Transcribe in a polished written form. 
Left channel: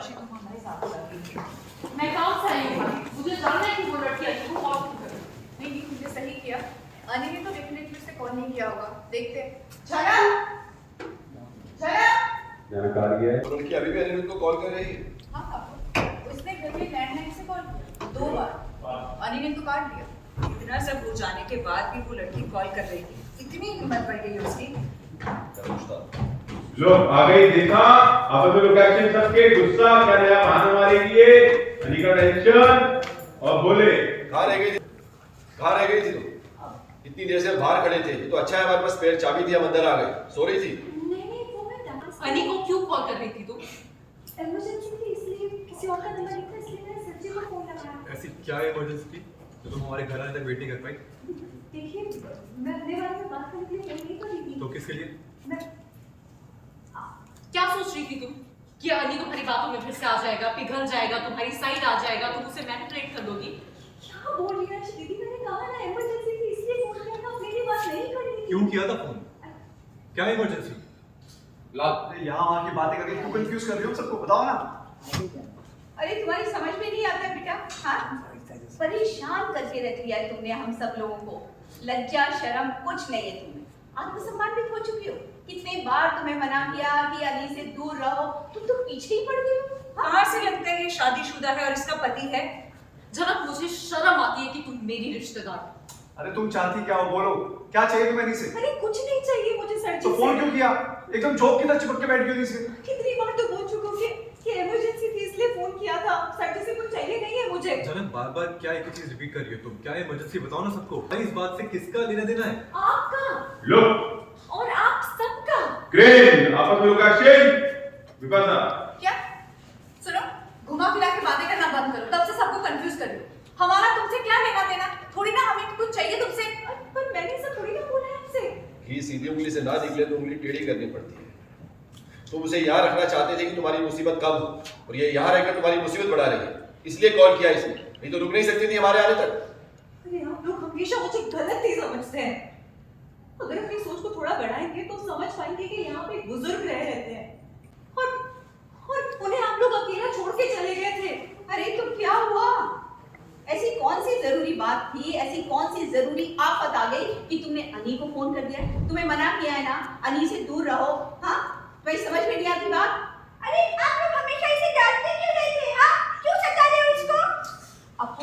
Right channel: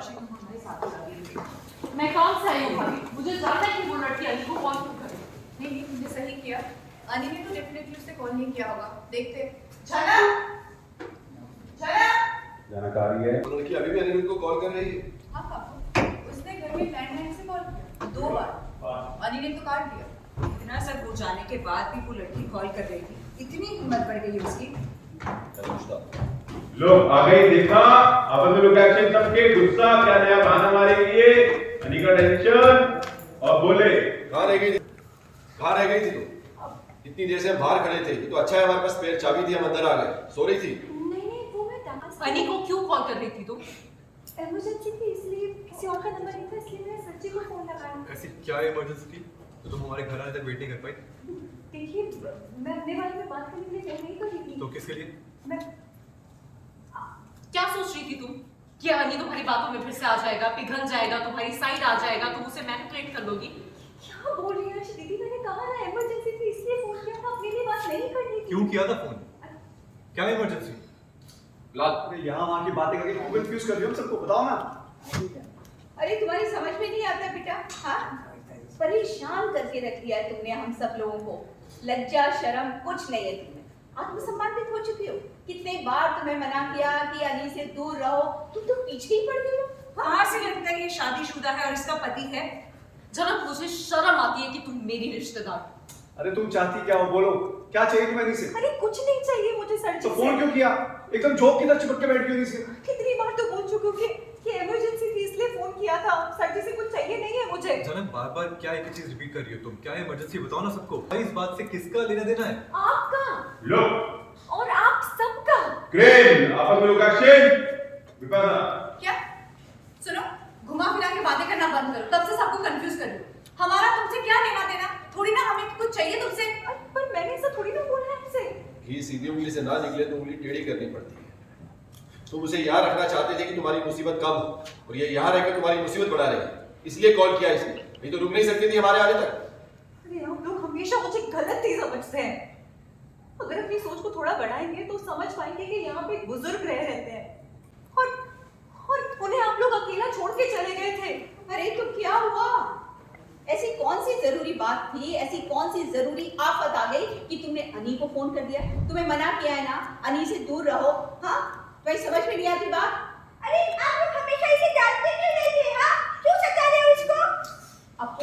अर्शी तुम हमारे साथ चलिए। मैं काम से आई हूँ भाभी, मुझे जानना है कि वो लड़की अली को कॉल क्यों कर रही है। नहीं नहीं, तुमने सही किया। अनी ने तो डेफिनेटली उसे कॉल नहीं किया होगा। देखते हैं। छाया, छाया। जानकारी है। वो लड़की अभी भी अनिरुद्ध को कॉल कर रही है। हाँ पापा, उसने घर में लैंडलाइन से कॉल किया 2 बार। अनी ने तो काट दिया। इतना सब हो जाने के बाद भी वो लड़की कॉल कर रही थी, इतनी हिम्मत बढ़ गई उसकी। लो आ गई देखा, अब तो लोग एक्शन सबके गुस्सा क्या नया बहाना मारेंगे, अनी का टेंशन और बोले कहाँ रह गई थी? कहाँ रह गई थी तुम? इतनी देर से हम बाहर खड़े थे। तो अच्छा है हमारे पास स्पेयर चाबी थी, हम अंदर आ गए। सो रही थी। नहीं वो मैं दमाद अली को क्यों कॉल कर रही थी तुम? इमरजेंसी थी, इसलिए किसी और का नंबर नहीं था, इसलिए मैंने सच्ची को फोन लगाया। ऐसी क्या इमरजेंसी थी जो तुम हमारे घर आने तक वेट नहीं कर पाई? देखिए मैं अपने बारे में बात करने के लिए फोन नहीं कर रही थी। तो किसके लिए? मैं क्या सोच रही थी तुम कि अली तुम्हारी बातों में फिर से आ जाएगा, पिघल जाएगा, तुम्हारी साइड आ जाएगा, तुम उसे मैनिपुलेट कर दोगी? क्या बोल रही है अर्शी दीदी? मैंने कहा ना इमरजेंसी थी, इसलिए फोन किया था, अपने लिए बात नहीं करनी थी। क्यों किया था फोन? क्या इमरजेंसी? लाल, अरे यहाँ वहाँ की बातें करके क्यों कंफ्यूज कर रही हो? सबको बताओ ना। अरे तुम्हारी समझ में नहीं आता बेटा? हाँ, परेशान करके रख लिया है तुमने हम सब लोगों को। लज्जा शर्म कुछ नहीं है तुम्हें। आत्मसम्मान भी खो चुकी हो। कितने बार तुम्हें मना किया कि अली से दूर रहो, तुम तो पीछे ही पड़ गई हो। कहाँ से लगता है ये शादीशुदा है और इसका पति है? जनक, मुझे शर्म आती है कि तुम मेरी रिश्तेदार। अरे तुम चाहती क्या हो? बोलो, क्या चाहिए तुम्हें अनी से? अरे कुछ नहीं चाहिए मुझे सर जी तो से। फोन क्यों किया? एकदम जोक की तरह चिपक के बैठ गई अनी से। कितनी बार तो बोल चुकी हूँ कि इमरजेंसी थी, इसलिए फोन किया था। सर जी से कुछ चाहिए नहीं है मुझे। जनक, बार बार क्या एक ही चीज रिपीट कर रही हो तुम? क्या इमरजेंसी? बताओ ना सबको। भाई इस बात से किसका लेना देना है? आपका लो और आप सबका। क्रेन आप लोग एक्शन विपाशा। क्या? सुनो, घुमा फिरा के बातें करना बंद करो। तब से सबको कंफ्यूज कर रही हो। हमारा तुमसे क्या लेना देना? थोड़ी ना हमें कुछ चाहिए तुमसे। पर मैंने ऐसा थोड़ी ना बोला है आपसे। घी सीधी उंगली से ना निकले तो उंगली टेढ़ी करनी पड़ती है। तुम उसे यहाँ रखना चाहते थे कि तुम्हारी मुसीबत कम हो, और ये यहाँ रहकर तुम्हारी मुसीबत बढ़ा रही है। इसलिए कॉल किया इसने, नहीं तो रुक नहीं सकती थी हमारे आने तक। अरे आप लोग हमेशा मुझे गलत ही समझते हैं। अगर अपनी सोच को थोड़ा बढ़ाएंगे तो समझ पाएंगे कि यहाँ पे बुजुर्ग रह रहते हैं और उन्हें आप लोग अकेला छोड़ के चले गए थे। अरे तो क्या हुआ? ऐसी कौन सी जरूरी बात थी, ऐसी कौन सी जरूरी आफत आ गई कि तुमने अनी को फोन कर दिया? तुम्हें मना किया है ना, अनी से दूर रहो। हाँ, तुम्हें समझ में नहीं आती बात? अरे आप लोग हमेशा इसे डांटते क्यों रहते हैं? हाँ, क्यों सता रहे हो इसको? अब